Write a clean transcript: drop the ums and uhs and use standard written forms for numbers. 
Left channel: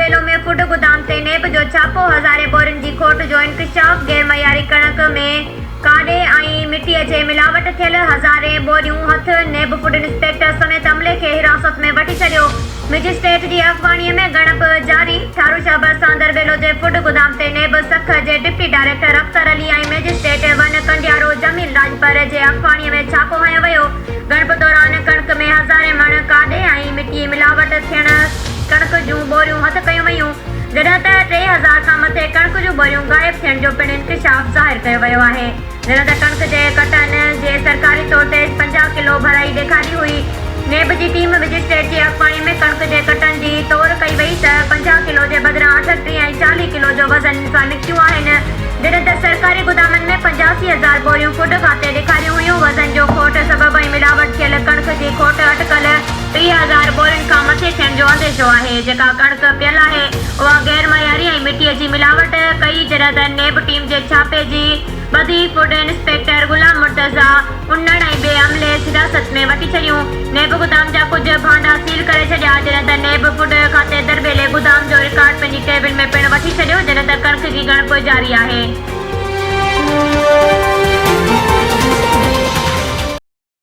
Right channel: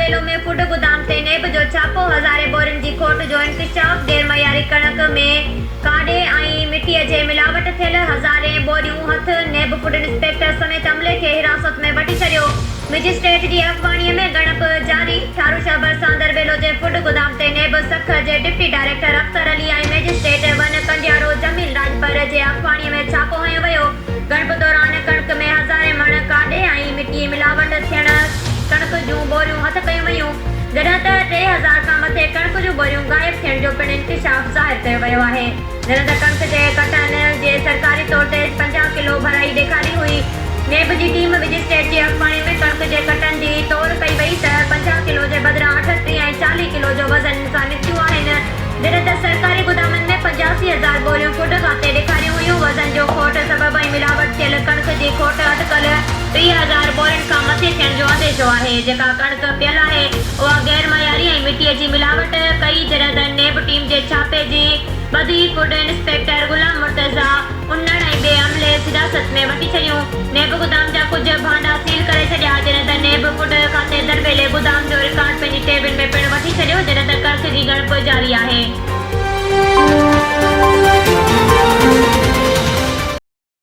सांदरबेलो में फूड गोदाम ते नेब जो छापो। हज़ारे बोरियुनि जी खोट जो इंकशाफ। गैर मयारी कणक में काॾे ऐं मिटीअ जे मिलावट थियल। हज़ारे बोरियूं हथ। नेब फूड इंस्पेक्टर समेत अमले खे हिरासत में वठी छॾियो। मजिस्ट्रेट जी अॻवानीअ में ॻणप जारी। ठारू शहर सांदरबेलो जे फूड गोदाम ते नेब सख जे डिप्टी डायरेक्टर अख्तर अली ऐं मजिस्ट्रेट वन कंडियारो जमील राजपर जे अॻवानीअ में छापो हयो वियो। ॻणप दौरान कणक में हज़ारे मण काॾे ऐं मिटीअ मिलावट थियण कणक जूं बोरियूं हथ कयूं वयूं। जॾहिं त 3000 खां मथे कणक जूं बोरियूं गायब थियण जो पिणु इंकशाफ ज़ाहिर कयो वियो आहे। जॾहिं त कणक जे कटन जे सरकारी तौर ते 50 किलो भराई ॾेखारी हुई। नेब जी टीम मजिस्ट्रेट जी अॻवानी में कणक जे कटन जी तौर कई वई त 50 किलो जे बदिरां 38 ऐं 40 किलो जो वज़न सां निकितियूं आहिनि। जॾहिं त सरकारी गोदामनि में 85,000 बोरियूं फूड खाते ॾेखारियूं हुयूं। वज़न जो खोट सबबु ऐं मिलावट थियल कणक जी खोट अटकल 30,000 बोरियुनि खां मथे थियण जो अंदेशो आहे। जेका कणक पियल आहे उहा गैर मयारी ऐं मिटीअ जी मिलावट कई। जॾहिं त नेब टीम जे छापे जी बदी फूड इंस्पेक्टर गुलाम मुर्तज़ा उन्नड़ ऐं ॿिए अमले हिरासत में वठी छॾियूं। नेब गोदाम जा कुझु भांडा सील करे छॾिया। जॾहिं त नेब फूड खाते दरबेले गोदाम जो रिकॉर्ड पंहिंजी टेबल में पिणु वठी छॾियो। जॾहिं त कणक जी ॻणप जारी आहे।